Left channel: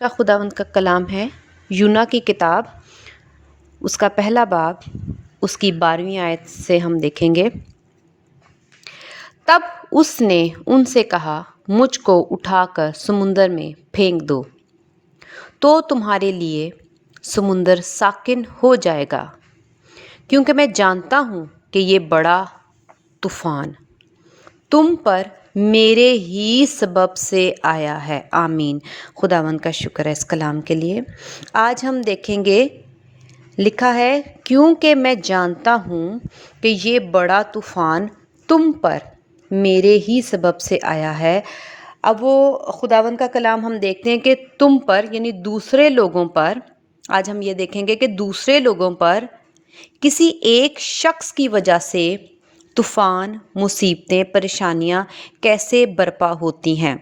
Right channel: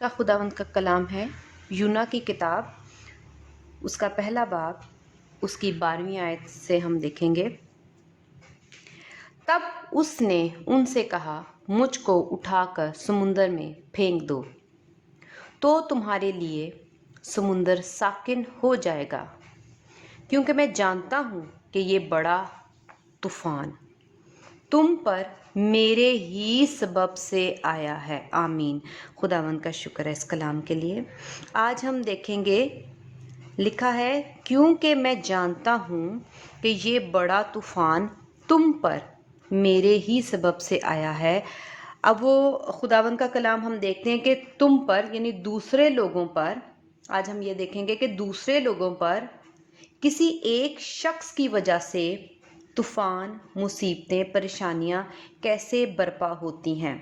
کا خداوند کا کلام ہے یونا کی کتاب، اس کا پہلا باب، اس کی 12ویں آیت سے ہم دیکھیں گے۔ تب اس نے ان سے کہا، مجھ کو اٹھا کر سمندر میں پھینک دو تو تمہارے لیے سمندر ساکن ہو جائے گا، کیونکہ میں جانتا ہوں کہ یہ بڑا طوفان تم پر میرے ہی سبب سے آیا ہے۔ آمین۔ خداوند کا شکر ہے اس کلام کے لیے۔ آج ہم دیکھیں گے، لکھا ہے کیونکہ میں جانتا ہوں کہ یہ بڑا طوفان تم پر میرے ہی سبب سے آیا ہے۔ اب وہ خداوند کا کلام ہم دیکھتے ہیں کہ تم پر یعنی دوسرے لوگوں پر، آج ہم یہ دیکھیں گے کہ دوسرے لوگوں پر کسی ایک شخص کی وجہ سے طوفان، مصیبتیں، پریشانیاں کیسے برپا ہوتی ہیں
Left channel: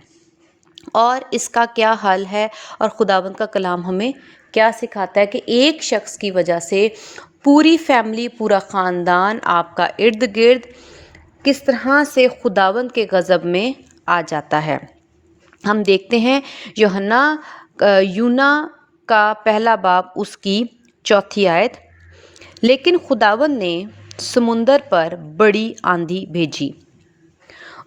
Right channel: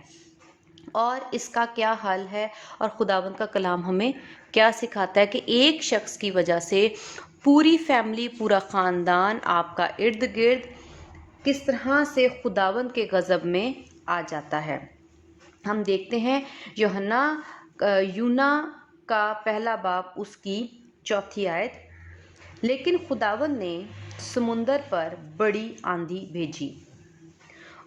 اور اس کا کیا حل ہے، اور خداوند کا کلام ہمیں کیا سکھاتا ہے کہ ایک شخص کی وجہ سے پوری فیملی، پورا خاندان آپ کا ارد گرد کس طرح سے خداوند کے غضب میں آ جاتا ہے۔ ہم دیکھتے ہیں یونا کا پہلا باب، اس کی 4 آیت۔ لیکن خداوند نے سمندر پر بڑی آندھی بھیجی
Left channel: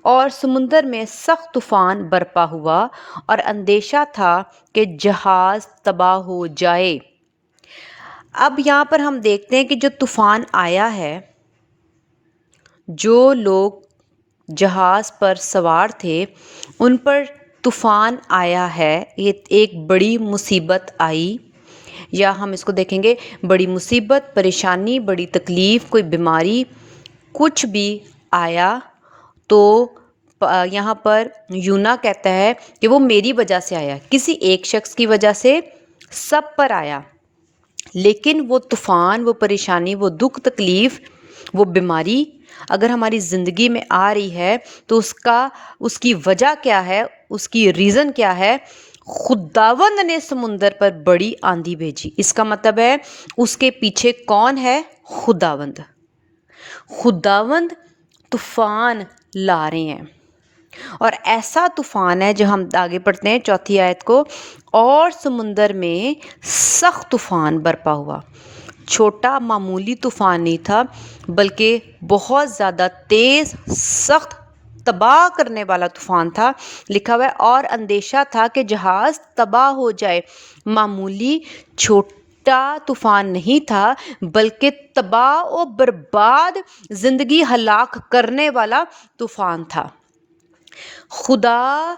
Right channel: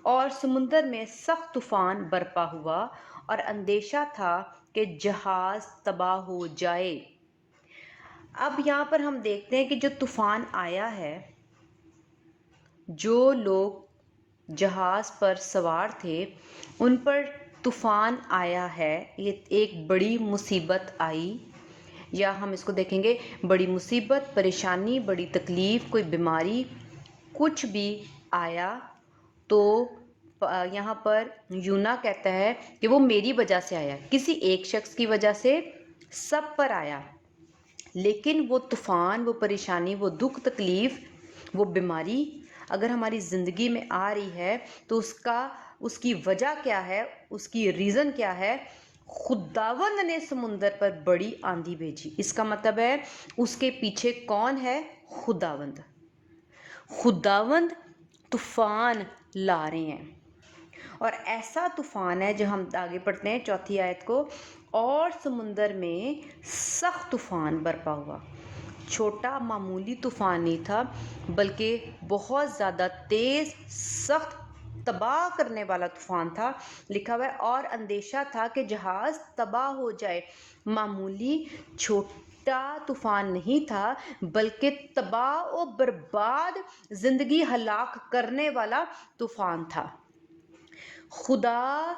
اور سمندر میں سخت طوفان برپا ہوا اور اندیشہ تھا کہ جہاز تباہ ہو جائے۔ اب یہاں پر ہم دیکھتے ہیں کہ جو طوفان آیا ہے، جو لوگ جہاز پر سوار تھے ان پر طوفان آیا ہے، یہ ایک بڑی مصیبت آئی، یا ہم اس کو دیکھیں گے بڑی مصیبت، پریشانی، بڑی تکلیف، کوئی بیماری، کچھ بھی آیا تو یہاں پر یونا کہتا ہے کہ وہ میری وجہ سے آیا، کسی ایک شخص کی وجہ سے سب پر آیا۔ لیکن وہ طوفان، وہ پریشانی، وہ دکھ تکلیف، وہ بیماری اگر ہماری زندگی میں آ رہی ہے تو اس کی وجہ کیا ہے، اس کی ریزن کیا ہے؟ خداوند نے سمندر پر بڑی آندھی بھیجی۔ اس کا مطلب ہے اس کے پیچھے کون ہے؟ خداوند۔ خداوند طوفان لا رہے ہیں، اور ایسا طوفان ہے جو ہم آگے پڑھتے ہیں 4 آیت کو، اور سمندر میں سخت طوفان برپا ہوا۔ چھوٹا معمولی طوفان نہیں تھا، بلکہ بہت زیادہ تیز، سخت، تباہ کرنے والا طوفان تھا۔ لکھا ہوا ہے اور اندیشہ تھا کہ جہاز تباہ ہو جائے۔ معمولی چھوٹا طوفان نہیں تھا، بلکہ تباہ و برباد، زندگی ہلاک کرنے والا طوفان تھا۔ خدا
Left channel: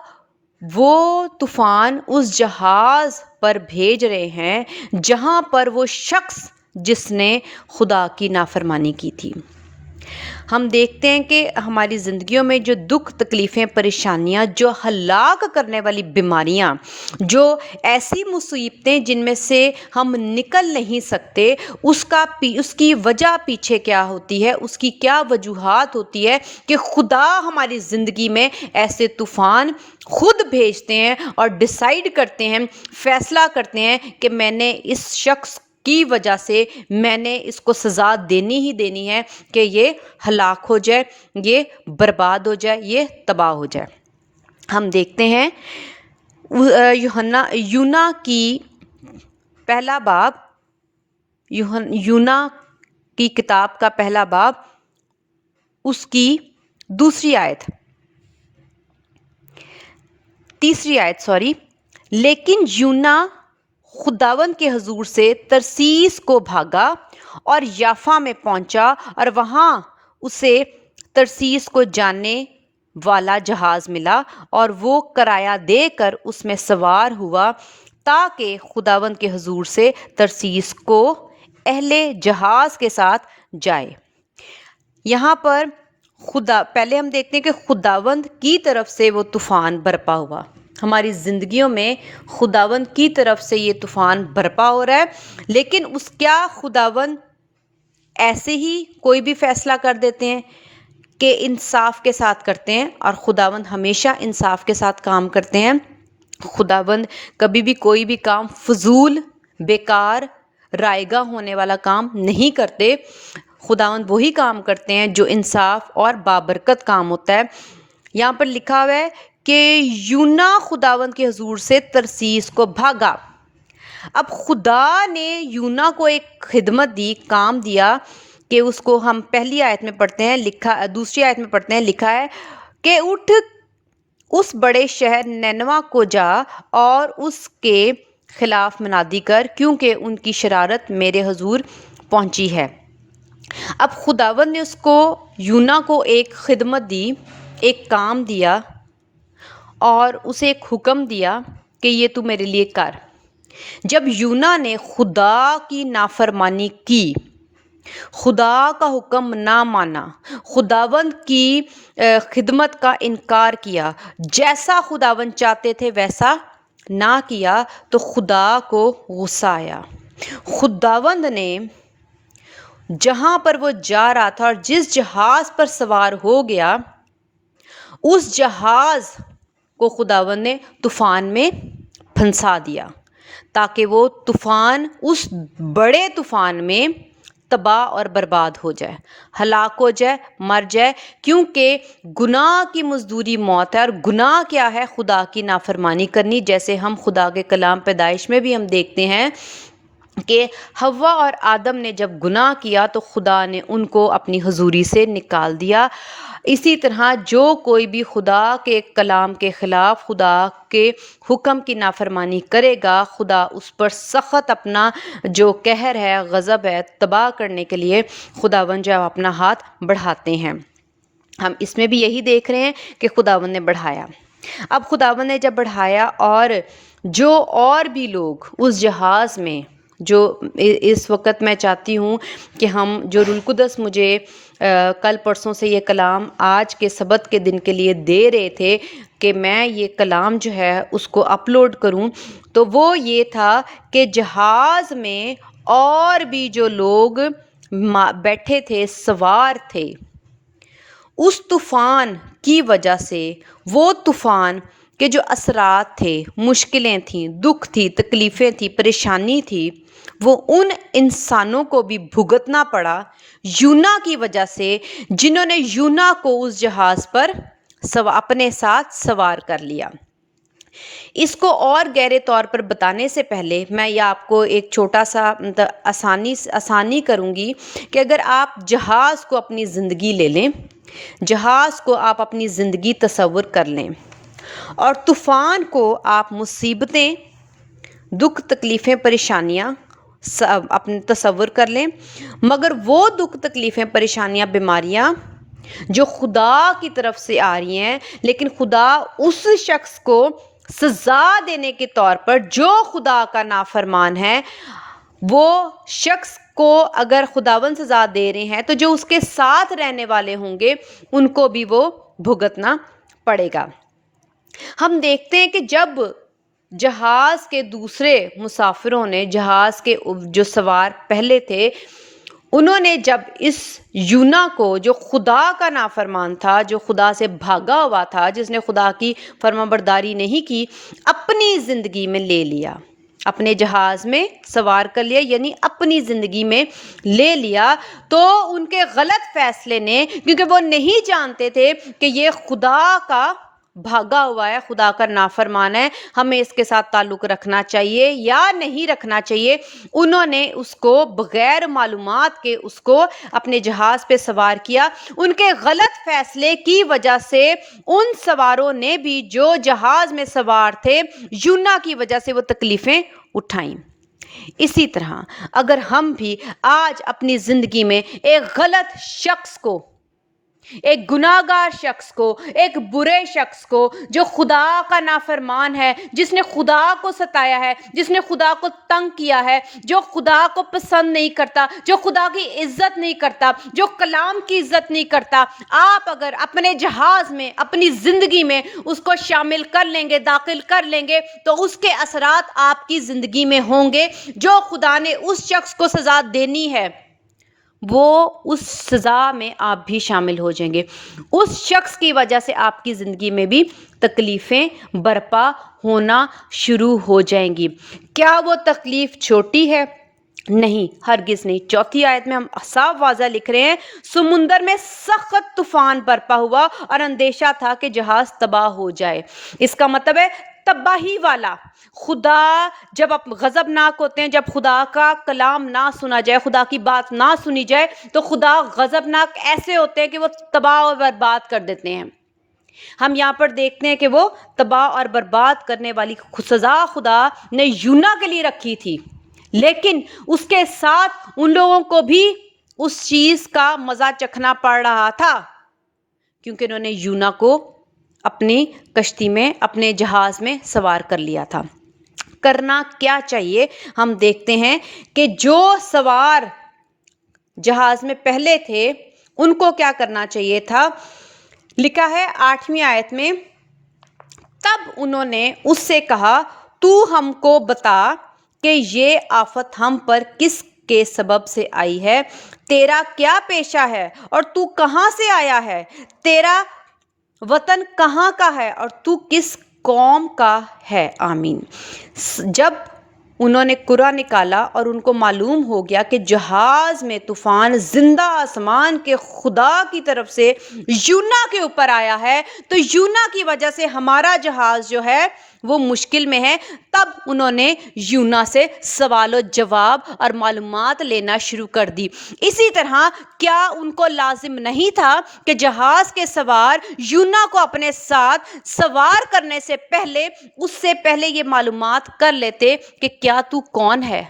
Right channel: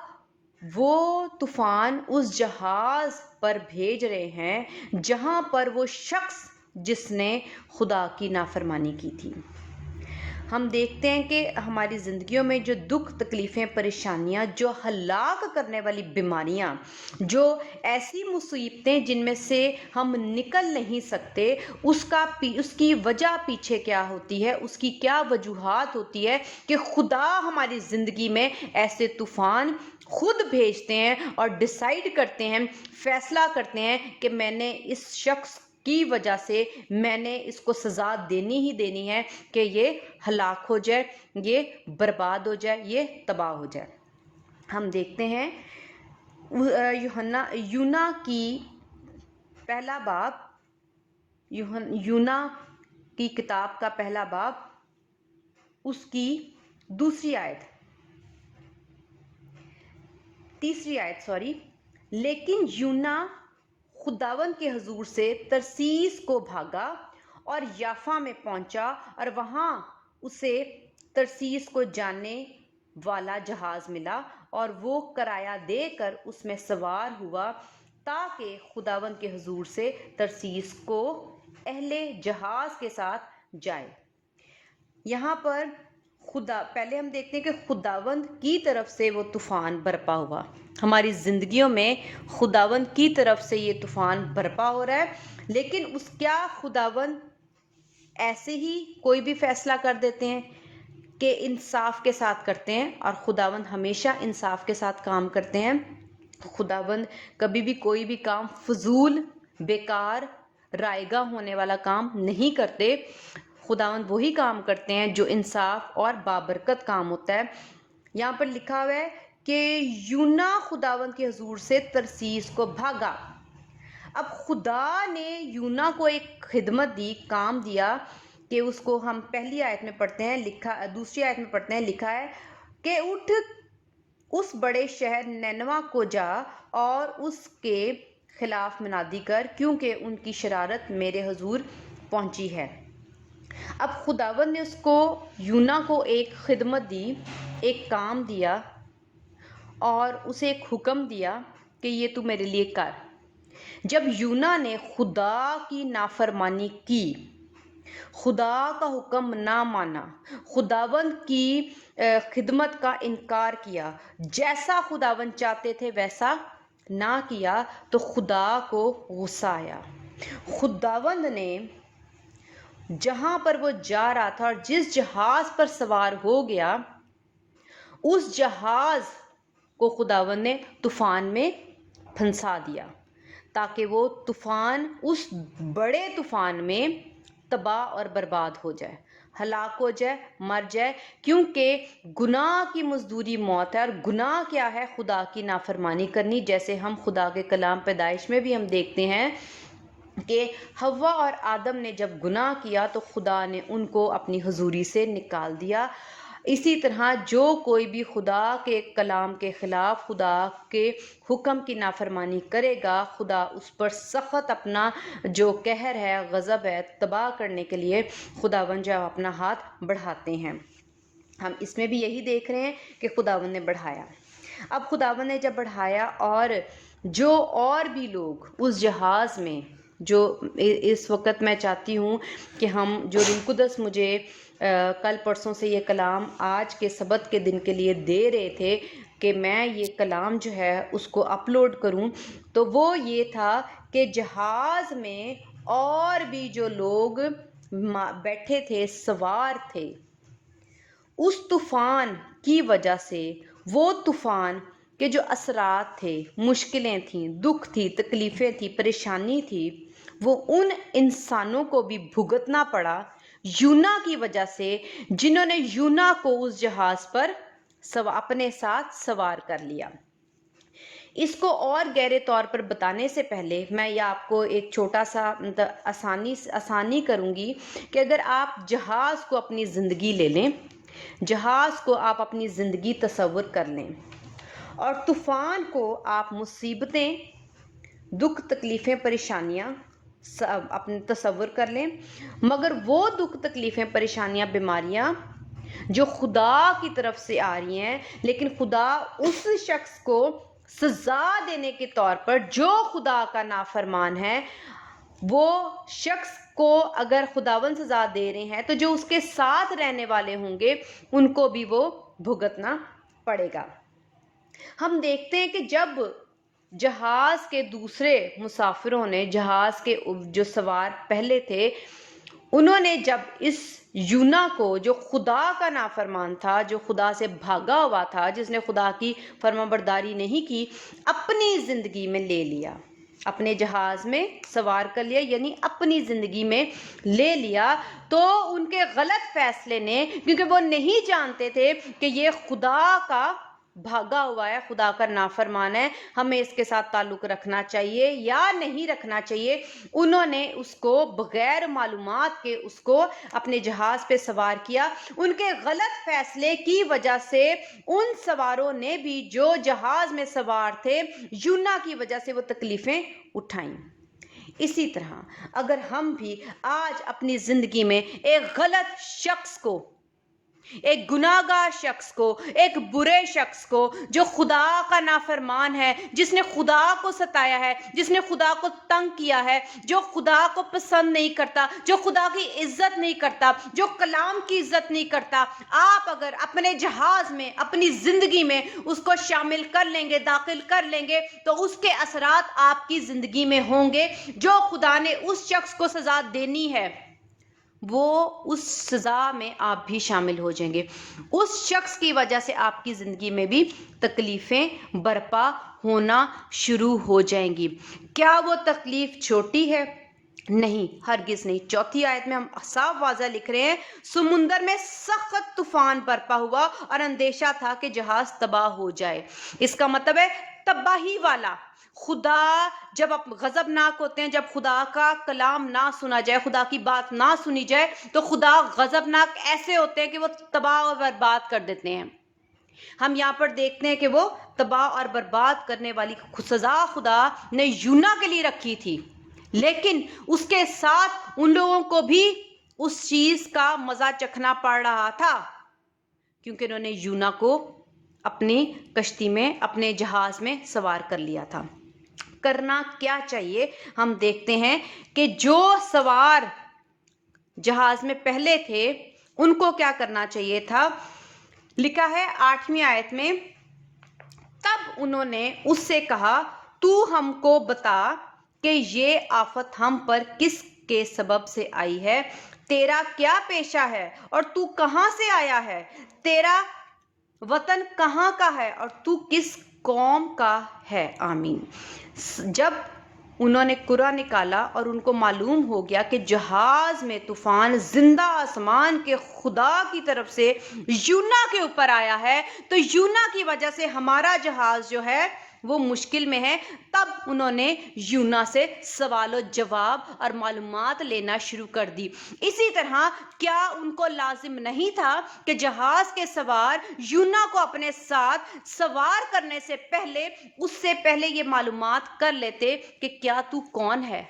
وہ طوفان اس جہاز پر بھیج رہے ہیں جہاں پر وہ شخص جس نے خدا کی نافرمانی کی تھی۔ ہم دیکھتے ہیں کہ ہماری زندگیوں میں جو دکھ، تکلیفیں، پریشانیاں، جو ہلاک کرنے والی بیماریاں، جو ایسی مصیبتیں جن میں سے ہم نکل نہیں سکتے، اس کی وجہ پیچھے کیا ہوتی ہے، اس کی کیا وجوہات ہوتی ہے کہ خدا ہماری زندگی میں ایسے طوفان خود بھیجتے ہیں اور ڈیسائیڈ کرتے ہیں، فیصلہ کرتے ہیں کہ میں نے اس شخص کی وجہ سے میں نے اس کو سزا دینی ہی دینی ہے کہ یہ ہلاک ہو جائے، یہ برباد ہو جائے، یہ تباہ ہو جائے۔ ہم دیکھتے ہیں یونا کی پہلا باب، یونا کی کتاب کا پہلا باب، اس کی 2 آیت، 3 آیت لیکن یونا خداوند کے حضور سے ترسیس کو بھاگا اور یافا میں پہنچا، اور وہاں اسے ترسیس کو جانے والا جہاز ملا اور وہ کرایہ دے کر اس میں سوار ہوا تاکہ خداوند کے حضور سے ترسیس کو اہل جہاز کے ساتھ جائے۔ یہاں پر پہلے ہم دیکھتے ہیں کہ خداوند کی طرف سے وہ طوفان برپا ہوا۔ ہماری زندگیوں میں خداوند کی طرف سے یہ طوفان برپا ہو رہا ہے، لیکن خداوند ایسے ہی کوئی بھی فیصلہ کر دیتے ہیں کہ انصاف کے ساتھ کرتے ہیں، اور خداوند ہمیشہ انصاف کے ساتھ کام کرتے ہیں۔ خداوند کبھی بھی کوئی بھی کام فضول، بیکار، رائے گاں ہونے والا کام نہیں کرتے۔ خداوند وہی کام کرتے ہیں جو انصاف اور بابرکت کام ہوتا ہے۔ یہاں پر لکھا ہوا ہے کہ یونا خداوند کے حضور سے ترسیس کو بھاگا۔ اب خدا نے یونا کو ایک خدمت دی، کام دیا کہ اس کو ہم پہلی آیت میں پڑھتے ہیں، دوسری آیت میں پڑھتے ہیں، لکھا ہے کہ اٹھ اس بڑے شہر نینوا کو جا اور اس کے خلاف منادی کر، کیونکہ ان کی شرارت میرے حضور پہنچی ہے۔ اب خداوند نے اس کو یونا کو ایک خدمت دی، ایک کام دیا اور اسے ایک حکم دیا کہ یہ تو میرے لیے کر۔ جب یونا نے خدا کی نافرمانی کی، خدا کا حکم نہ مانا، خداوند کی خدمت کا انکار کیا، جیسا خداوند چاہتے تھے ویسا نہ کیا، تو خدا کو غصہ آیا۔ خداوند نے جہاں پر وہ جا رہا تھا اور جس جہاز پر سوار ہو گیا، اس جہاز کو خداوند نے طوفان میں پھنسا دیا، تاکہ وہ طوفان اس بڑے طوفان میں تباہ اور برباد ہو جائے، ہلاک ہو جائے، مر جائے، کیونکہ گناہ کی مزدوری موت ہے۔ اور گناہ کیا ہے؟ خدا کی نافرمانی کرنی، جیسے ہم خدا کے کلام پیدائش میں بھی ہم دیکھتے ہیں کہ حوا اور آدم نے جب گناہ کیا تو خدا نے ان کو اپنی حضوری سے نکال دیا۔ اسی طرح جو کوئی بھی خدا کے کلام کے خلاف، خدا کے حکم کی نافرمانی کرے گا، خدا اس پر سخت اپنا جو قہر ہے، غضب ہے، تباہ کرنے کے لیے خداوند جو اپنا ہاتھ بڑھاتے ہیں۔ ہم اس میں بھی یہی دیکھ رہے ہیں کہ خداوند نے بڑھایا۔ اب خداوند نے جب بڑھایا، اور جو اور بھی لوگ اس جہاز میں، جو اس وقت میں چاہتی ہوں کہ ہم جو روح القدس مجھے کل پرسوں سے یہ کلام آج کے سبت کے دن کے لیے دے رہے تھے کہ میں یہ کلام جو ہے اس کو اپلوڈ کروں، تو وہ یہ تھا کہ جہاز میں اور بھی جو لوگ بیٹھے تھے، سوار تھے، اس طوفان کی وجہ سے، وہ طوفان کے جو اثرات تھے، مشکلیں تھیں، دکھ تھی، تکلیفیں تھیں، پریشانی تھی، وہ ان انسانوں کو بھی بھگتنا پڑا یونا کی وجہ سے، جنہوں نے یونا کو اس جہاز پر اپنے ساتھ سوار کر لیا۔ اس کو اور گہرے طور پر بتانے سے پہلے میں یہ آپ کو ایک چھوٹا سا آسانی کروں گی کہ اگر آپ جہاز کو اپنی زندگی لے لیں، جہاز کو آپ اپنی زندگی تصور کر لیں، اور طوفان کو آپ مصیبتیں، دکھ، تکلیفیں، پریشانیاں اپنے تصور کر لیں، مگر وہ دکھ، تکلیفیں، پریشانیاں، بیماریاں جو خدا کی طرف سے آ رہی ہیں، لیکن خدا اس شخص کو سزا دینے کے طور پر جو خدا کا نافرمان ہے، وہ شخص کو اگر خداوند سزا دے رہے ہیں تو جو اس کے ساتھ رہنے والے ہوں گے ان کو بھی وہ بھگتنا پڑے گا۔ ہم دیکھتے ہیں کہ جب جہاز کے دوسرے مسافروں نے، جہاز کے جو سوار پہلے تھے، انہوں نے جب اس یونا کو، جو خدا کا نافرمان تھا، جو خدا سے بھاگا ہوا تھا، جس نے خدا کی فرمانبرداری نہیں کی، اپنی زندگی میں لے لیا، اپنے جہاز میں سوار کر لیا، یعنی اپنی زندگی میں لے لیا، تو ان کے غلط فیصلے نے، کیونکہ وہ نہیں جانتے تھے کہ یہ خدا کا بھاگا ہوا ہے، خدا کا نافرمان ہے، ہمیں اس کے ساتھ تعلق رکھنا چاہیے یا نہیں رکھنا چاہیے، انہوں نے اس کو بغیر معلومات کے اس کو اپنے جہاز پہ سوار کیا۔ ان کے غلط فیصلے کی وجہ سے ان سواروں نے بھی، جو جہاز میں سوار تھے، یونا کی وجہ سے وہ تکلیفیں اٹھائیں۔ اسی طرح اگر ہم بھی آج اپنی زندگی میں ایک غلط شخص کو، ایک گناہگار شخص کو، ایک برے شخص کو، جو خدا کا نافرمان ہے، جس نے خدا کو ستایا ہے، جس نے خدا کو تنگ کیا ہے، جو خدا کو پسند نہیں کرتا، جو خدا کی عزت نہیں کرتا، جو کلام کی عزت نہیں کرتا، آپ اگر اپنے جہاز میں، اپنی زندگی میں اس کو شامل کر لیں گے، داخل کر لیں گے، تو اس کے اثرات آپ کی زندگی میں ہوں گے۔ جو خدا نے اس شخص کو سزا دینی ہے، وہ اس سزا میں آپ بھی شامل ہو جائیں گے۔ اس شخص کی وجہ سے آپ کی زندگی میں بھی تکلیفیں برپا ہونا شروع ہو جائیں گی۔ کیا وہ تکلیف چھوٹی ہے؟ نہیں، ہرگز نہیں۔ چوتھی آیت میں ہم صاف واضح لکھ رہے ہیں، سمندر میں سخت طوفان برپا ہوا اور اندیشہ تھا کہ جہاز تباہ ہو جائے۔ اس کا مطلب ہے تباہی والا۔ خدا جب غضبناک ہوتے ہیں، جب خدا کا کلام نہ سنا جائے، خدا کی بات نہ سنی جائے، تو خدا غضبناک ایسے ہوتے ہیں کہ وہ تباہ اور برباد کر دیتے ہیں۔ ہم یہاں پر دیکھتے ہیں کہ وہ تباہ اور برباد کرنے والی سزا خدا نے یونا کے لیے رکھی تھی، لیکن اس کے ساتھ ان لوگوں کو بھی اس چیز کا مزہ چکھنا پڑ رہا تھا، کیونکہ انہوں نے یونا کو اپنی کشتی میں، اپنے جہاز میں سوار کر لیا تھا۔ کرنا کیا چاہیے؟ ہم دیکھتے ہیں کہ جو سوار جہاز میں پہلے تھے ان کو کیا کرنا چاہیے تھا؟ لکھا ہے 8ویں آیت میں، تب انہوں نے اس سے کہا، تو ہم کو بتا کہ یہ آفت ہم پر کس کے سبب سے آئی ہے؟ تیرا کیا پیشہ ہے اور تو کہاں سے آیا ہے؟ تیرا وطن کہاں کا ہے اور تو کس قوم کا ہے؟ آمین۔ جب انہوں نے قرعہ نکالا اور ان کو معلوم ہو گیا کہ جہاز میں طوفان زندہ آسمان کے خدا کی طرف سے یونا کے اوپر آیا ہے، تو یونا کی وجہ سے ہمارا جہاز جو ہے وہ مشکل میں ہے، تب انہوں نے یونا سے سوال و جواب اور معلومات لینا شروع کر دی۔ اسی طرح کیا ان کو لازم نہیں تھا کہ جہاز کے سوار یونا کو اپنے ساتھ سوار کرنے سے پہلے، اس سے پہلے یہ معلومات کر لیتے کہ کیا تو کون ہے؟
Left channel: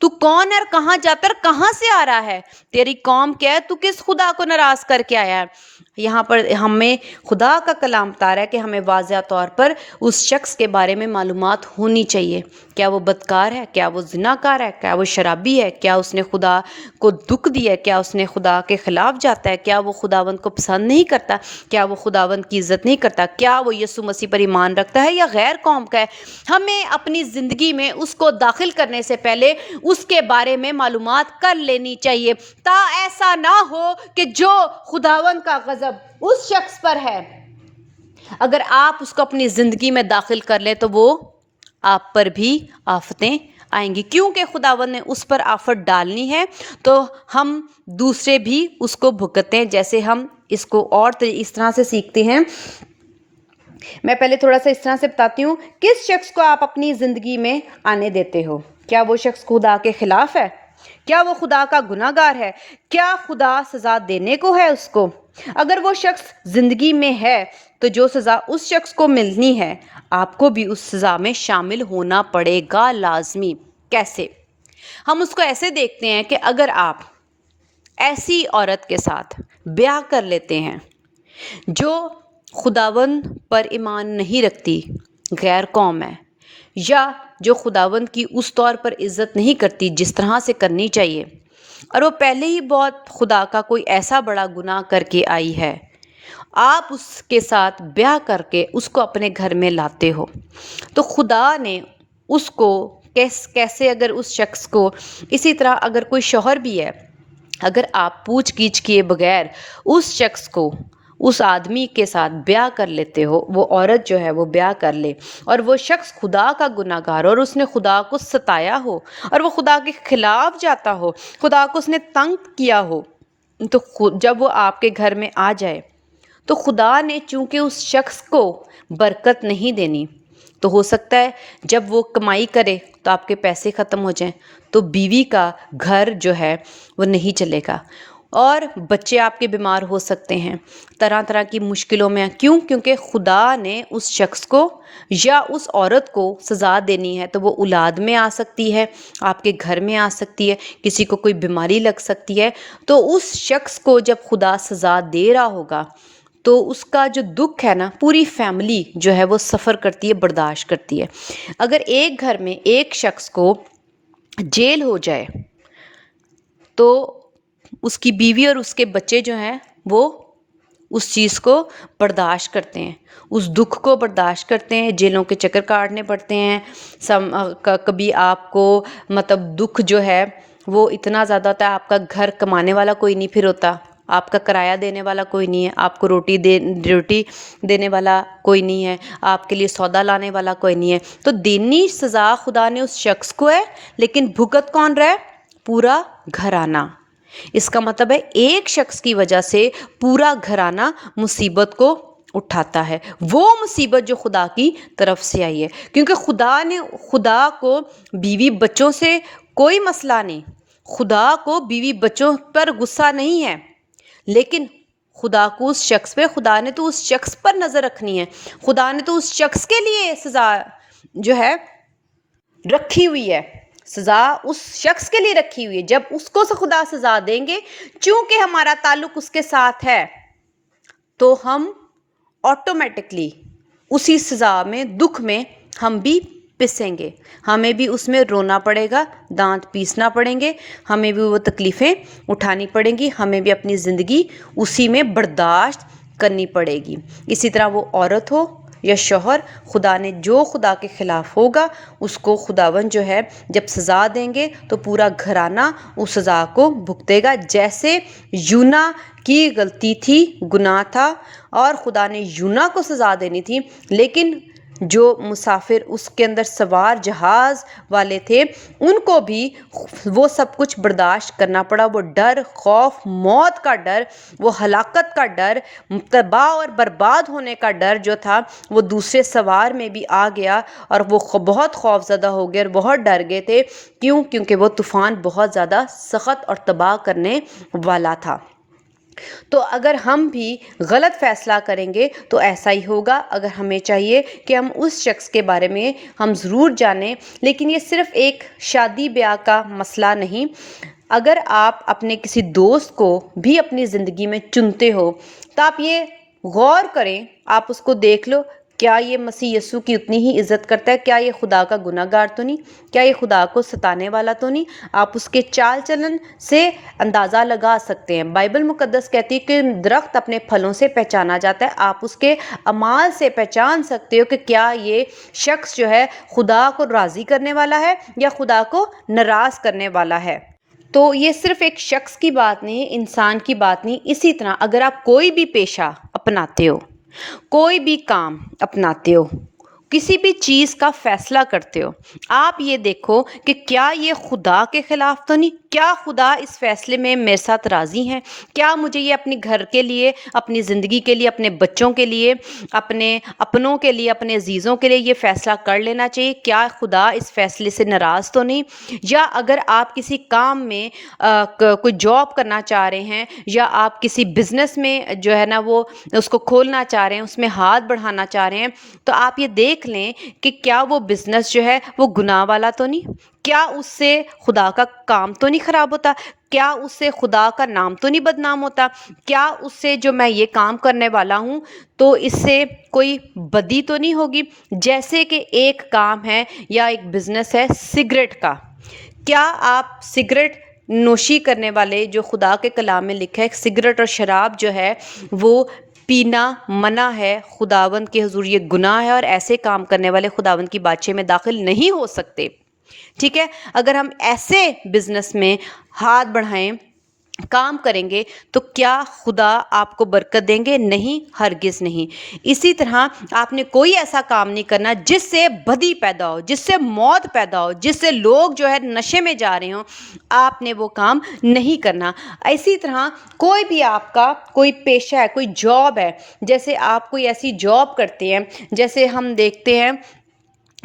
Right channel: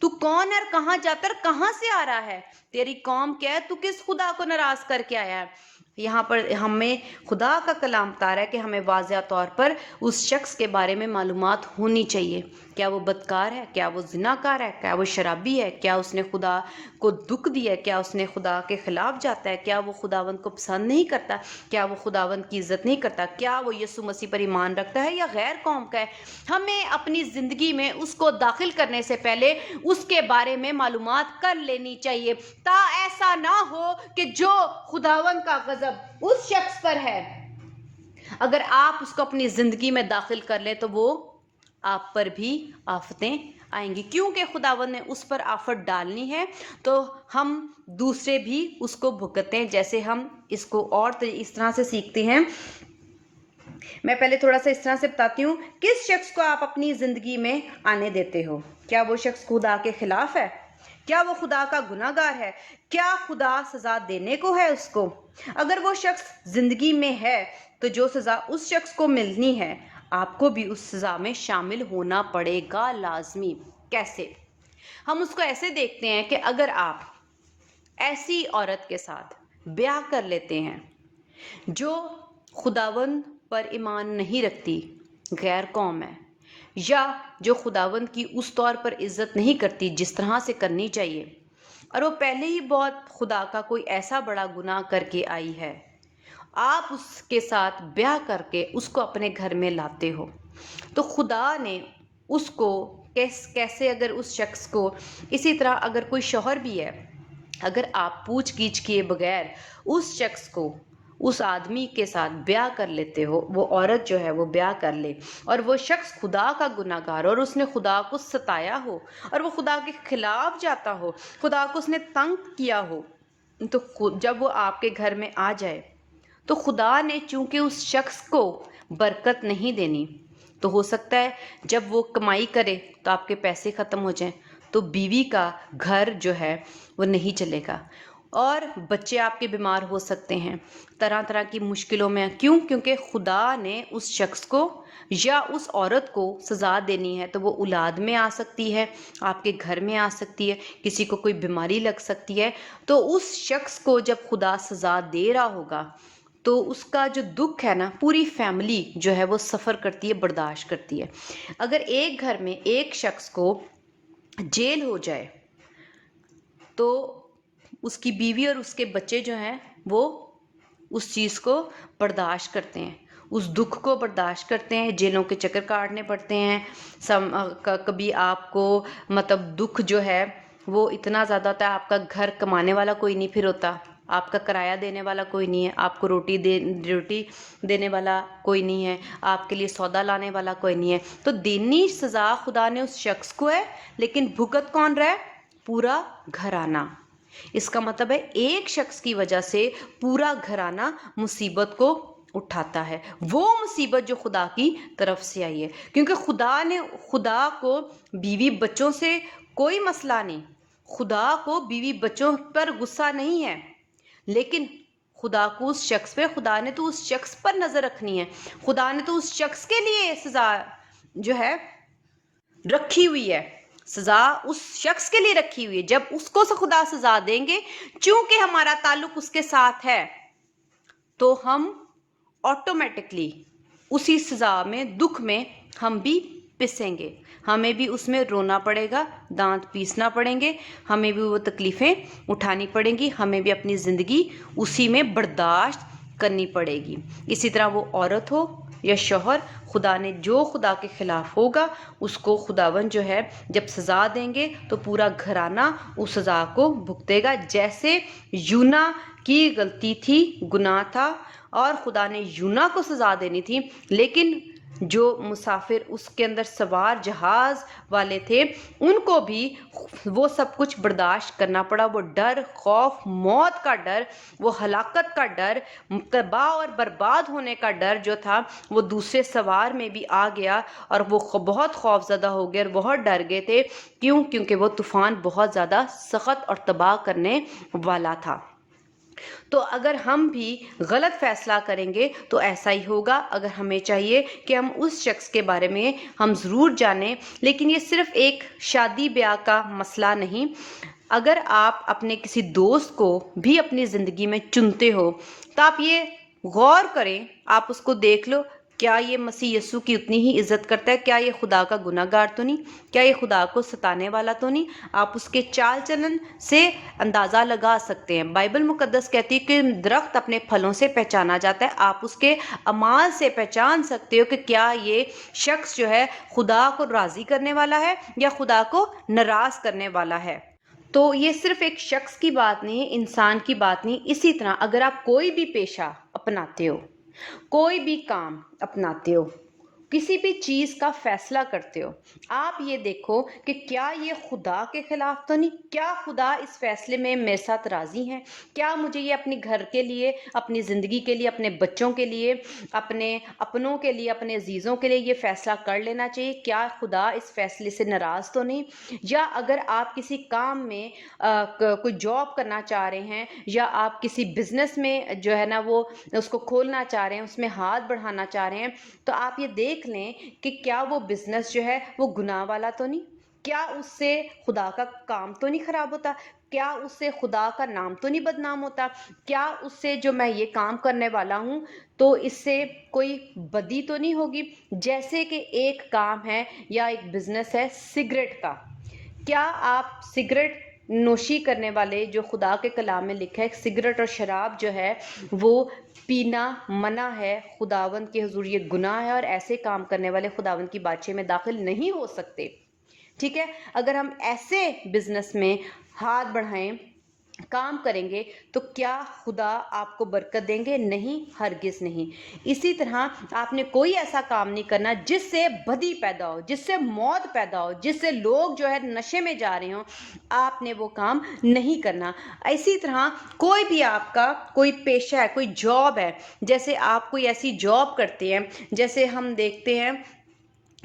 تو کون ہے اور کہاں جاتا ہے اور کہاں سے آ رہا ہے؟ تیری قوم کیا ہے؟ تو کس خدا کو ناراض کر کے آیا ہے؟ یہاں پر ہمیں خدا کا کلام بتا رہا ہے کہ ہمیں واضح طور پر اس شخص کے بارے میں معلومات ہونی چاہیے۔ کیا وہ بدکار ہے؟ کیا وہ زناکار ہے؟ کیا وہ شرابی ہے؟ کیا اس نے خدا کو دکھ دیا ہے؟ کیا اس نے خدا کے خلاف جاتا ہے؟ کیا وہ خداوند کو پسند نہیں کرتا؟ کیا وہ خداوند کی عزت نہیں کرتا؟ کیا وہ یسوع مسیح پر ایمان رکھتا ہے یا غیر قوم کا ہے؟ ہمیں اپنی زندگی میں اس کو داخل کرنے سے پہلے اس کے بارے میں معلومات کر لینی چاہیے، تا ایسا نہ ہو کہ جو خداوند کا غضب اس شخص پر ہے، اگر آپ اس کو اپنی زندگی میں داخل کر لیں تو وہ آپ پر بھی آفتیں آئیں گی، کیونکہ خداوند نے اس پر آفت ڈالنی ہے تو ہم دوسرے بھی اس کو بھگتتے ہیں۔ جیسے ہم اس کو اور اس طرح سے سیکھتے ہیں، میں پہلے تھوڑا سا اس طرح سے بتاتی ہوں، کس شخص کو آپ اپنی زندگی میں آنے دیتے ہو؟ کیا وہ شخص خدا کے خلاف ہے؟ کیا وہ خدا کا گناہ گار ہے؟ کیا خدا سزا دینے کو ہے اس کو؟ اگر وہ شخص زندگی میں ہے تو جو سزا اس شخص کو ملنی ہے، آپ کو بھی اس سزا میں شامل ہونا پڑے گا لازمی۔ کیسے؟ ہم اس کو ایسے دیکھتے ہیں کہ اگر آپ ایسی عورت کے ساتھ بیاہ کر لیتے ہیں جو خداوند پر ایمان نہیں رکھتی، غیر قوم ہے، یا جو خداوند کی اس طور پر عزت نہیں کرتی جس طرح سے کرنی چاہیے، اور وہ پہلے ہی بہت خدا کا کوئی ایسا بڑا گناہ کر کے آئی ہے، آپ اس کے ساتھ بیاہ کر کے اس کو اپنے گھر میں لاتے ہو، تو خدا نے اس کو کیسے اگر اس شخص کو، اسی طرح اگر کوئی شوہر بھی ہے، اگر آپ پوچھ گچھ کیے بغیر اس شخص کو، اس آدمی کے ساتھ بیاہ کر لیتے ہو، وہ عورت جو ہے وہ بیاہ کر لے، اور وہ شخص خدا کا گناہ گار ہو اور اس نے خدا کو ستایا ہو اور وہ خدا کے خلاف جاتا ہو، خدا کو اس نے تنگ کیا ہو، تو جب وہ آپ کے گھر میں آ جائے تو خدا نے چونکہ اس شخص کو برکت نہیں دینی، تو ہو سکتا ہے جب وہ کمائی کرے تو آپ کے پیسے ختم ہو جائیں، تو بیوی کا گھر جو ہے وہ نہیں چلے گا، اور بچے آپ کے بیمار ہو سکتے ہیں، طرح طرح کی مشکلوں میں۔ کیونکہ خدا نے اس شخص کو یا اس عورت کو سزا دینی ہے، تو وہ اولاد میں آ سکتی ہے، آپ کے گھر میں آ سکتی ہے، کسی کو کوئی بیماری لگ سکتی ہے، تو اس شخص کو جب خدا سزا دے رہا ہوگا تو اس کا جو دکھ ہے نا، پوری فیملی جو ہے وہ سفر کرتی ہے، برداشت کرتی ہے۔ اگر ایک گھر میں ایک شخص کو جیل ہو جائے تو اس کی بیوی اور اس کے بچے جو ہیں وہ اس چیز کو برداشت کرتے ہیں، اس دکھ کو برداشت کرتے ہیں، جیلوں کے چکر کاٹنے پڑتے ہیں، کبھی آپ کو مطلب دکھ جو ہے وہ اتنا زیادہ ہوتا ہے، آپ کا گھر کمانے والا کوئی نہیں پھر ہوتا، آپ کا کرایہ دینے والا کوئی نہیں ہے، آپ کو روٹی دینے والا کوئی نہیں ہے، آپ کے لیے سودا لانے والا کوئی نہیں ہے، تو دینی سزا خدا نے اس شخص کو ہے، لیکن بھگت کون رہا ہے؟ پورا گھرانہ. اس کا مطلب ہے ایک شخص کی وجہ سے پورا گھرانہ مصیبت کو اٹھاتا ہے. وہ مصیبت جو خدا کی طرف سے آئی ہے، کیونکہ خدا کو بیوی بچوں سے کوئی مسئلہ نہیں، خدا کو بیوی بچوں پر غصہ نہیں ہے، لیکن خدا کو اس شخص پہ، خدا نے تو اس شخص پر نظر رکھنی ہے. خدا نے تو اس شخص کے لیے سزا جو ہے رکھی ہوئی ہے، سزا اس شخص کے لیے رکھی ہوئی ہے. جب اس کو خدا سزا دیں گے، چونکہ ہمارا تعلق اس کے ساتھ ہے، تو ہم آٹومیٹکلی اسی سزا میں، دکھ میں ہم بھی پسیں گے، ہمیں بھی اس میں رونا پڑے گا، دانت پیسنا پڑیں گے، ہمیں بھی وہ تکلیفیں اٹھانی پڑیں گی، ہمیں بھی اپنی زندگی اسی میں برداشت کرنی پڑے گی. اسی طرح وہ عورت ہو یا شوہر، خدا نے جو خدا کے خلاف ہوگا اس کو خداوند جو ہے جب سزا دیں گے تو پورا گھرانہ اس سزا کو بھگتے گا. جیسے یونا کی غلطی تھی، گناہ تھا، اور خدا نے یونا کو سزا دینی تھی، لیکن جو مسافر اس کے اندر سوار جہاز والے تھے ان کو بھی وہ سب کچھ برداشت کرنا پڑا. وہ ڈر، خوف، موت کا ڈر، وہ ہلاکت کا ڈر، تباہ اور برباد ہونے کا ڈر جو تھا وہ دوسرے سوار میں بھی آ گیا، اور وہ بہت خوف زدہ ہو گئے اور بہت ڈر گئے تھے. کیونکہ وہ طوفان بہت زیادہ سخت اور تباہ کرنے والا تھا. تو اگر ہم بھی غلط فیصلہ کریں گے تو ایسا ہی ہوگا. اگر ہمیں چاہیے کہ ہم اس شخص کے بارے میں ہم ضرور جانیں، لیکن یہ صرف ایک شادی بیاہ کا مسئلہ نہیں. اگر آپ اپنے کسی دوست کو بھی اپنی زندگی میں چنتے ہو تو آپ یہ غور کریں، آپ اس کو دیکھ لو، کیا یہ مسیح یسوع کی اتنی ہی عزت کرتا ہے؟ کیا یہ خدا کا گناہ گار تو نہیں؟ کیا یہ خدا کو ستانے والا تو نہیں؟ آپ اس کے چال چلن سے اندازہ لگا سکتے ہیں. بائبل مقدس کہتی ہے کہ درخت اپنے پھلوں سے پہچانا جاتا ہے. آپ اس کے اعمال سے پہچان سکتے ہو کہ کیا یہ شخص جو ہے خدا کو راضی کرنے والا ہے یا خدا کو ناراض کرنے والا ہے. تو یہ صرف ایک شخص کی بات نہیں، انسان کی بات نہیں. اسی طرح اگر آپ کوئی بھی پیشہ اپناتے ہو، کوئی بھی کام اپناتے ہو، کسی بھی چیز کا فیصلہ کرتے ہو، آپ یہ دیکھو کہ کیا یہ خدا کے خلاف تو نہیں؟ کیا خدا اس فیصلے میں میرے ساتھ راضی ہیں؟ کیا مجھے یہ اپنے گھر کے لیے، اپنی زندگی کے لیے، اپنے بچوں کے لیے، اپنے اپنوں کے لیے، اپنے عزیزوں کے لیے یہ فیصلہ کر لینا چاہیے؟ کیا خدا اس فیصلے سے ناراض تو نہیں؟ یا اگر آپ کسی کام میں کوئی جاب کرنا چاہ رہے ہیں، یا آپ کسی بزنس میں جو ہے نا وہ اس کو کھولنا چاہ رہے ہیں، اس میں ہاتھ بڑھانا چاہ رہے ہیں، تو آپ یہ دیکھ لیں کہ کیا وہ بزنس جو ہے وہ گناہ والا تو نہیں؟ کیا اس سے خدا کا کام تو نہیں خراب ہوتا؟ کیا اس سے خدا کا نام تو نہیں بدنام ہوتا؟ کیا اس سے جو میں یہ کام کرنے والا ہوں تو اس سے کوئی بدی تو نہیں ہوگی؟ جیسے کہ ایک کام ہے یا ایک بزنس ہے سگریٹ کا. کیا آپ سگریٹ نوشی کرنے والے، جو خدا کے کلام میں لکھا ہے سگریٹ اور شراب جو ہے وہ پینا منع ہے، خداوند کے حضور یہ گناہ ہے، اور ایسے کام کرنے والے خداوند کی بادشاہی میں داخل نہیں ہو سکتے. ٹھیک ہے، اگر ہم ایسے بزنس میں ہاتھ بڑھائیں، کام کریں گے تو کیا خدا آپ کو برکت دیں گے؟ نہیں، ہرگز نہیں. اسی طرح آپ نے کوئی ایسا کام نہیں کرنا جس سے بدی پیدا ہو، جس سے موت پیدا ہو، جس سے لوگ جو ہے نشے میں جا رہے ہوں، آپ نے وہ کام نہیں کرنا. اسی طرح کوئی بھی آپ کا کوئی پیشہ ہے، کوئی جاب ہے، جیسے آپ کوئی ایسی جاب کرتے ہیں، جیسے ہم دیکھتے ہیں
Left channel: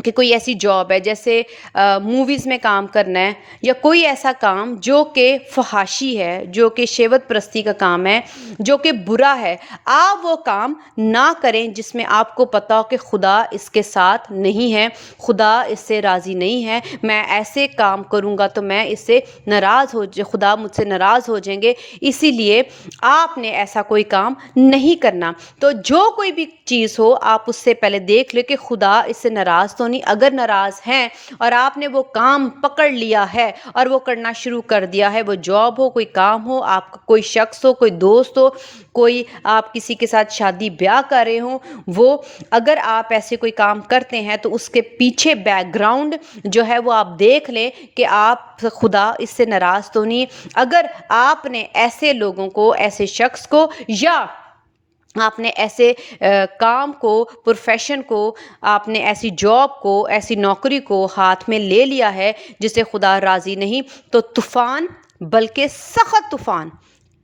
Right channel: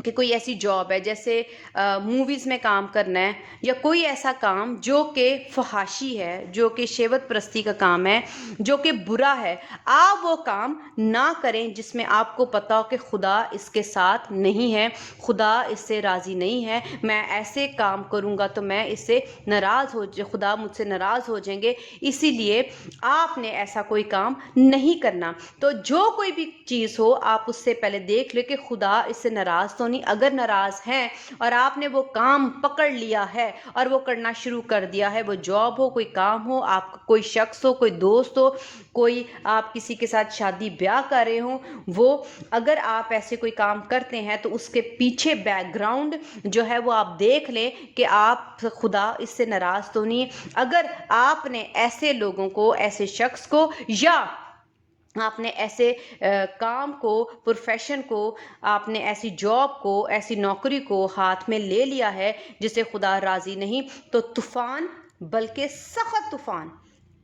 کہ کوئی ایسی جاب ہے جیسے موویز میں کام کرنا ہے، یا کوئی ایسا کام جو کہ فحاشی ہے، جو کہ شہوت پرستی کا کام ہے، جو کہ برا ہے. آپ وہ کام نہ کریں جس میں آپ کو پتہ ہو کہ خدا اس کے ساتھ نہیں ہے، خدا اس سے راضی نہیں ہے. میں ایسے کام کروں گا تو میں اس سے ناراض خدا مجھ سے ناراض ہو جائیں گے، اسی لیے آپ نے ایسا کوئی کام نہیں کرنا. تو جو کوئی بھی چیز ہو، آپ اس سے پہلے دیکھ لیں کہ خدا اس سے ناراض تو نہیں. اگر ناراض ہیں اور آپ نے وہ کام پکڑ لیا ہے اور وہ کرنا شروع کر دیا ہے، وہ جاب ہو، کوئی کام ہو، آپ کا کوئی شخص ہو، کوئی دوست ہو، کوئی آپ کسی کے ساتھ شادی بیاہ کر رہے ہوں، وہ اگر آپ ایسے کوئی کام کرتے ہیں تو اس کے پیچھے بیک گراؤنڈ جو ہے وہ آپ دیکھ لیں کہ آپ خدا اس سے ناراض تو نہیں. اگر آپ نے ایسے لوگوں کو، ایسے شخص کو یا آپ نے ایسے کام کو، پروفیشن کو، آپ نے ایسی جاب کو، ایسی نوکری کو ہاتھ میں لے لیا ہے جسے خدا راضی نہیں، تو طوفان، بلکہ سخت طوفان،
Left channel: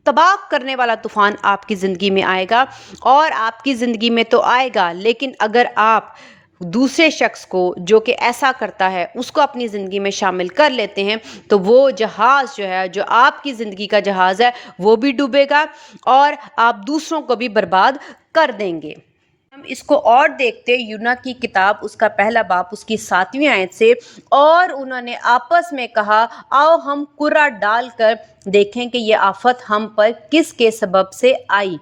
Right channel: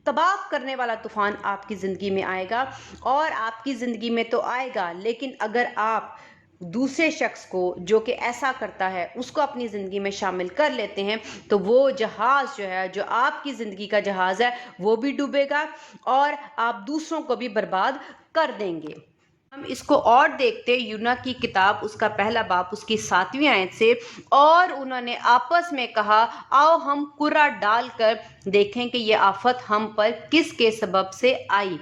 تباہ کرنے والا طوفان آپ کی زندگی میں آئے گا۔ اور آپ کی زندگی میں تو آئے گا، لیکن اگر آپ دوسرے شخص کو جو کہ ایسا کرتا ہے اس کو اپنی زندگی میں شامل کر لیتے ہیں، تو وہ جہاز جو ہے، جو آپ کی زندگی کا جہاز ہے، وہ بھی ڈوبے گا اور آپ دوسروں کو بھی برباد کر دیں گے۔ ہم اس کو اور دیکھتے یونا کی کتاب، اس کا پہلا باب، اس کی 7ویں آیت سے، اور انہوں نے آپس میں کہا، آؤ ہم کرہ ڈال کر دیکھیں کہ یہ آفت ہم پر کس کے سبب سے آئی۔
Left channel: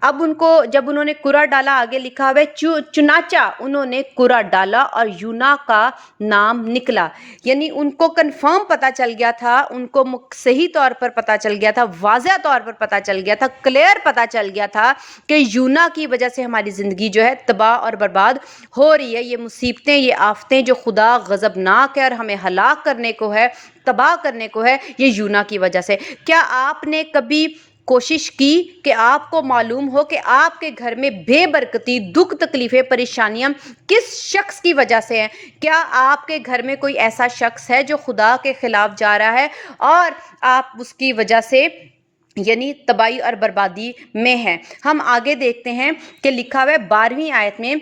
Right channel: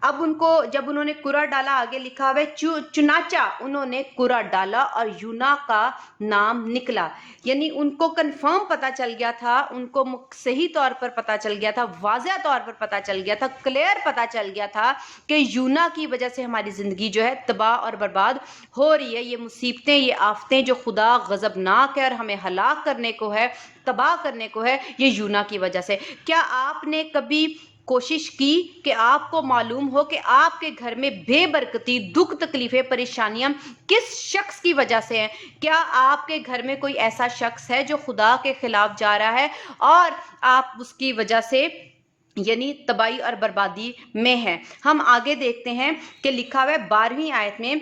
اب ان کو جب انہوں نے کرہ ڈالا، آگے لکھا ہوا ہے، چنانچہ انہوں نے کرہ ڈالا اور یونا کا نام نکلا۔ یعنی ان کو کنفرم پتا چل گیا تھا، ان کو صحیح طور پر پتا چل گیا تھا، واضح طور پر پتا چل گیا تھا، کلیئر پتا چل گیا تھا کہ یونا کی وجہ سے ہماری زندگی جو ہے تباہ اور برباد ہو رہی ہے۔ یہ مصیبتیں، یہ آفتیں جو خدا غضبناک ہے اور ہمیں ہلاک کرنے کو ہے، تباہ کرنے کو ہے، یہ یونا کی وجہ سے۔ کیا آپ نے کبھی کوشش کی کہ آپ کو معلوم ہو کہ آپ کے گھر میں بے برکتی، دکھ، تکلیفیں، پریشانیاں کس شخص کی وجہ سے ہیں؟ کیا آپ کے گھر میں کوئی ایسا شخص ہے جو خدا کے خلاف جا رہا ہے اور آپ اس کی وجہ سے یعنی تباہی اور بربادی میں ہیں؟ ہم آگے دیکھتے ہیں کہ لکھا ہوا ہے 12ویں آیت میں،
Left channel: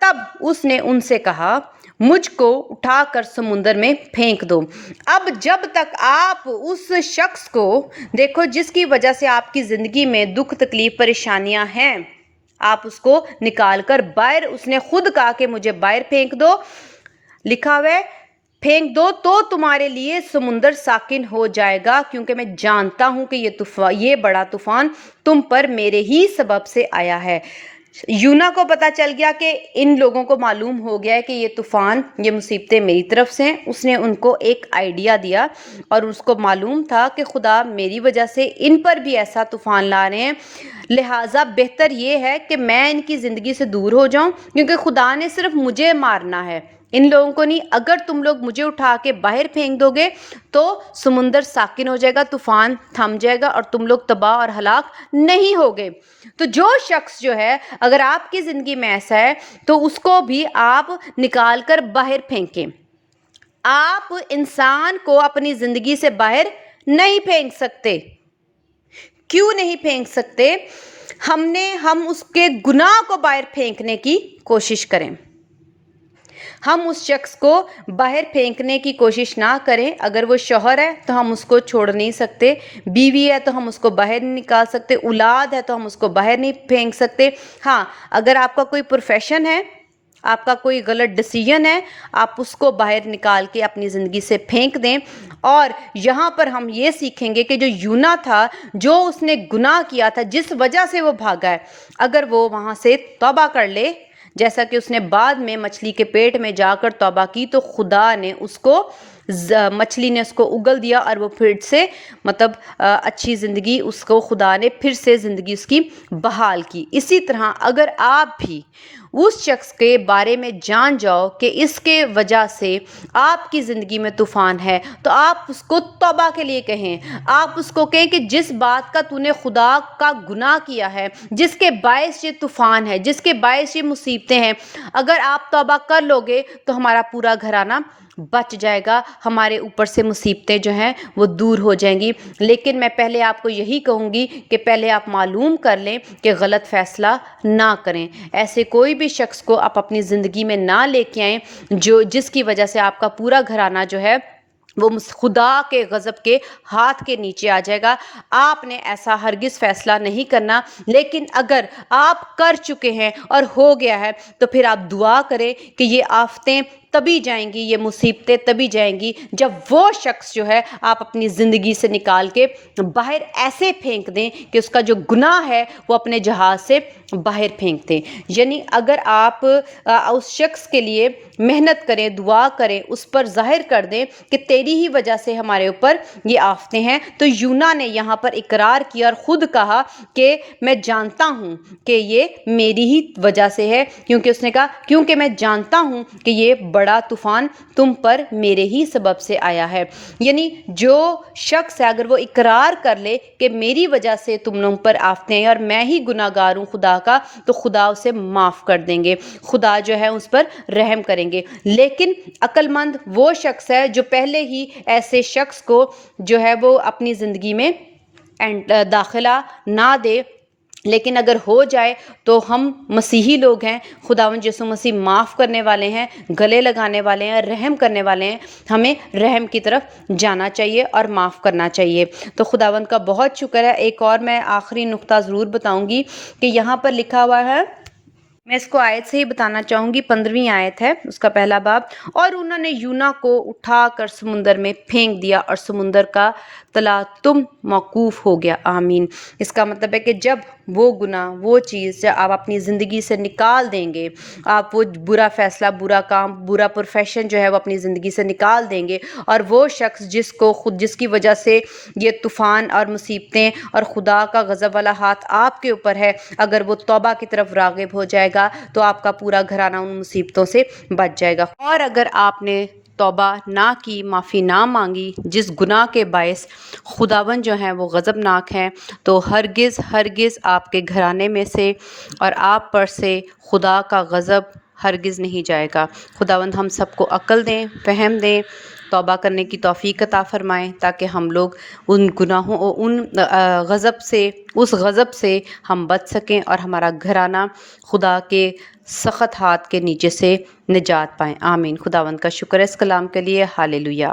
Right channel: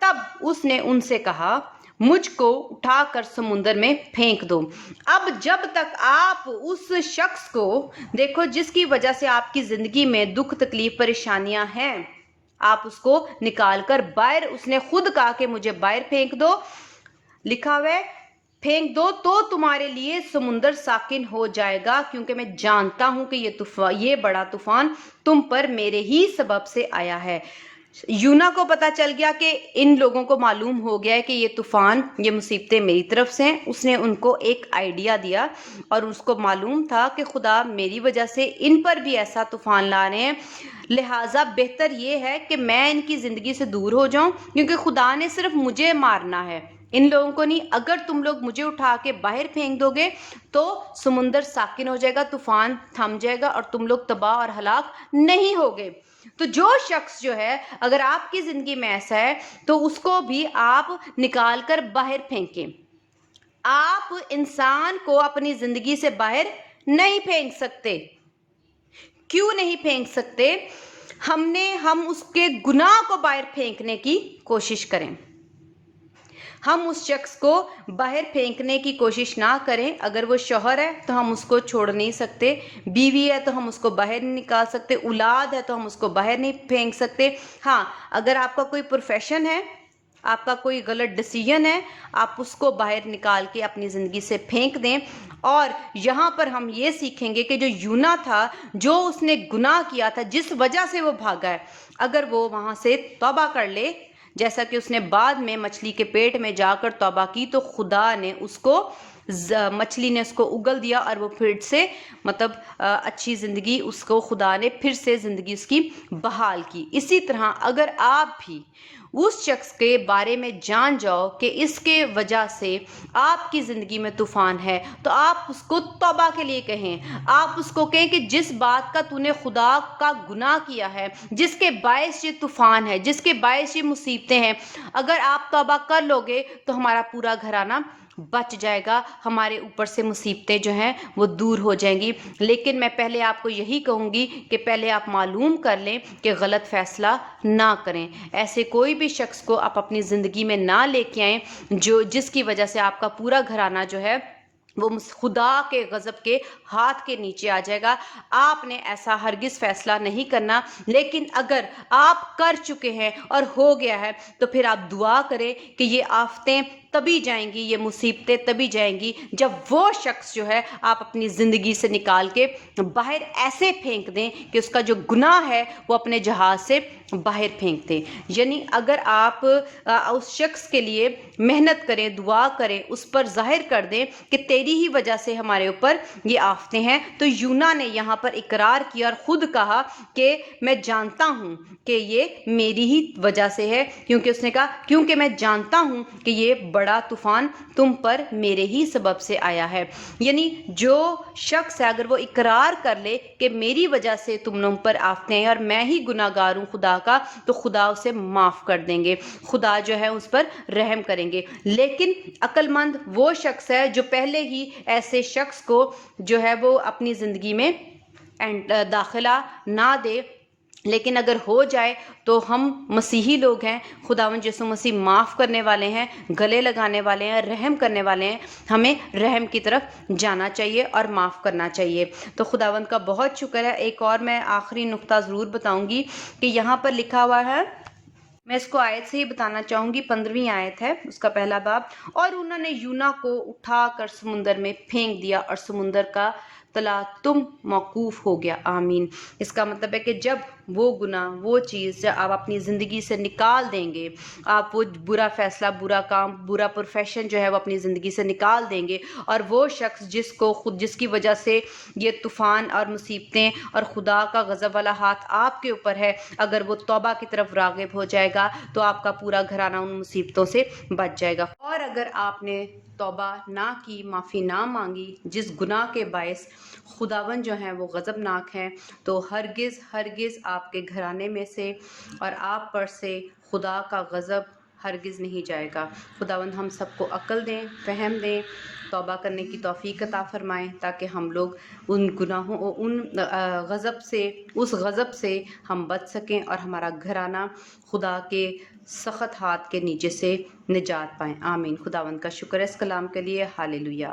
تب اس نے ان سے کہا، مجھ کو اٹھا کر سمندر میں پھینک دو۔ اب جب تک آپ اس شخص کو دیکھو جس کی وجہ سے آپ کی زندگی میں دکھ، تکلیف، پریشانیاں ہیں، آپ اس کو نکال کر باہر، اس نے خود کہا کہ مجھے باہر پھینک دو، لکھا ہوا ہے پھینک دو تو تمہارے لیے سمندر ساکن ہو جائے گا، کیونکہ میں جانتا ہوں کہ یہ بڑا طوفان تم پر میرے ہی سبب سے آیا ہے۔ یونا کو پتا چل گیا کہ ان لوگوں کو معلوم ہو گیا ہے کہ یہ طوفان، یہ مصیبتیں میری طرف سے ہیں۔ اس نے ان کو ایک آئیڈیا دیا اور اس کو معلوم تھا کہ خدا میری وجہ سے ان پر بھی ایسا طوفان لا رہے ہیں، لہٰذا بہتر یہ ہے کہ میں ان کی زندگی سے دور ہو جاؤں، کیونکہ خدا نے صرف مجھے مارنا ہے، ان لوگوں کو نہیں۔ اگر تم لوگ مجھے اٹھا کے باہر پھینک دو گے تو سمندر ساکن ہو جائے گا، طوفان تھم جائے گا اور تم لوگ تباہ اور ہلاک نہیں ہوگے۔ تو جو شخص جو ہے، اگر آپ کی زندگی میں ایسا ہے تو اس کو بھی آپ نکال کر باہر پھینکیں۔ آپ انسان کو اپنی زندگی سے باہر نہیں پھینک سکتے۔ کیوں نہیں پھینک سکتے؟ ہم اس کے گناہ کو باہر پھینکنے کی کوشش کریں۔ ہم اس شخص کو باہر پھینکنے کی کوشش نہ کریں۔ اگر وہ شوہر ہے تو ہم اس کو چھوڑ نہیں سکتے، بیوی ہے تو ہم اس کو باہر نہیں نکال سکتے، اولاد ہے تو ہم اس کو باہر نہیں پھینک سکتے۔ ہاں، اگر آپ کا کوئی پروفیشن ہے، آپ کا کوئی غلط ڈیسیژن ہے، آپ اس کو باہر نکال کے اپنی زندگی سے پھینک دیں۔ اور یہاں پر ہم یہ سیکھیں گے کہ جو یونا تھا، جو اس نے گناہ کیا تھا، جس وجہ سے وہ بھاگا ہے، اگر وہ وہاں سے توبہ کر لے، جیسا کہ اس نے بعد میں مچھلی کے پیٹ میں جا کر توبہ کی، تو خدا نے اس کو، مچھلی نے اس کو اگل دیا اور وہ پھر سے اچھی زندگی، اس کو خدا نے پھر سے زندگی اس کی بحال کی۔ اسی طرح اگر آپ بھی اس شخص کے بارے میں جان جاؤ کہ اس کے وجہ سے آپ کی زندگی میں طوفان ہے، تو آپ اس کو توبہ کے لیے کہیں۔ آپ اس کو کہیں کہ جس بات کا تو نے خدا کا گناہ کیا ہے، جس کے باعث یہ طوفان ہے، جس کے باعث یہ مصیبتیں ہیں، اگر آپ توبہ کر لو گے تو ہمارا پورا گھرانہ بچ جائے گا، ہمارے اوپر سے مصیبتیں جو ہیں وہ دور ہو جائیں گی۔ لیکن میں پہلے آپ کو یہی کہوں گی کہ پہلے آپ معلوم کر لیں کہ غلط فیصلہ نہ کریں۔ ایسے کوئی بھی شخص کو آپ اپنی زندگی میں نہ لے کے آئیں جس کی وجہ سے آپ کا پورا گھرانہ جو ہے وہ خدا کے غضب کے ہاتھ کے نیچے آ جائے گا۔ آپ نے ایسا ہرگز فیصلہ نہیں کرنا۔ لیکن اگر آپ کر چکے ہیں اور ہو گیا ہے تو پھر آپ دعا کریں کہ یہ آفتیں تبھی جائیں گی، یہ مصیبتیں تبھی جائیں گی جب وہ شخص جو ہے آپ اپنی زندگی سے نکال کے باہر ایسے پھینک دیں کہ اس کا جو گناہ ہے وہ اپنے جہاز سے باہر پھینک دیں۔ یعنی اگر آپ اس شخص کے لیے محنت کریں، دعا کریں، اس پر ظاہر کر دیں کہ تیری ہی وجہ سے ہمارے اوپر یہ آفتیں ہیں، تو یونا نے یہاں پر اقرار کیا اور خود کہا کہ میں جانتا ہوں کہ یہ میری ہی وجہ سے ہے، کیونکہ اس نے کہا کیونکہ میں جانتا ہوں کہ یہ بڑا طوفان تم پر میرے ہی سبب سے آیا ہے. یعنی جو شخص ہے اگر وہ اقرار کر لے کہ میری وجہ سے تم لوگوں پر آفتیں ہیں اور میں ہی گناہ گار ہوں خدا کا، تو خدا اسے معاف کر دیں گے، خدا جو ہے اس پر رحم کریں گے. لیکن عقل مند وہ شخص ہے جو پہلے ہی ایسے شخص کو جو ہے وہ اپنی زندگی میں داخلہ نہ دے. لیکن اگر ہو جائے تو ہم مسیحی لوگ ہیں، خداوند یسوع مسیح معاف کرنے والے ہیں، گلے لگانے والے ہیں، رحم کرنے والے ہیں. ہمیں رحم کی طرف جانا چاہیے اور معاف کرنا چاہیے. تو خداوند کا بہت شکر ہے. ایک اور میں آخری نقطہ ضرور بتاؤں گی کہ یہاں پر لکھا ہوا ہے، میں اس کو آیت سے ہی بتانا چاہوں گی. 15ویں آیت ہے اس کا پہلا باب. اور انہوں نے یونا کو اٹھا کر سمندر میں پھینک دیا اور سمندر کا تلاطم موقوف ہو گیا. آمین. اس کا مطلب ہے کہ جب وہ گناہ، وہ چیز جب آپ اپنی زندگی سے نکال دیں گے، آپ وہ برا فیصلہ، برا کام، برا پروفیشن جو ہے وہ اپنی زندگی سے نکال دیں گے، اور وہ شخص جس کی وجہ سے یہ طوفان اور مصیبتیں اور خدا کا غضب والا ہاتھ آپ کے اوپر ہے، اگر وہ توبہ کی طرف راغب ہو جائے گا تو آپ کا پورا گھرانہ ان مصیبتوں سے بچ جائے گا. اور اگر آپ نے توبہ نہ کی، معافی نہ مانگی جس گناہ کے باعث خداوند جو ہیں وہ غضبناک ہیں، تو ہرگز ہرگز آپ کے گھرانے میں سے اور آپ پر سے خدا کا غضب ہرگز نہیں جائے گا. خداوند ہم سب کو عقل دیں، فہم دیں، توبہ کرنے کی توفیق عطا فرمائیں، تاکہ ہم لوگ ان گناہوں، ان اس غضب سے ہم بچ سکیں اور ہمارا گھرانہ خدا کے سخت ہاتھ کے نیچے سے نجات پائیں. آمین. خداوند کا شکر ہے اس کلام کے لیے. ہالےلویا.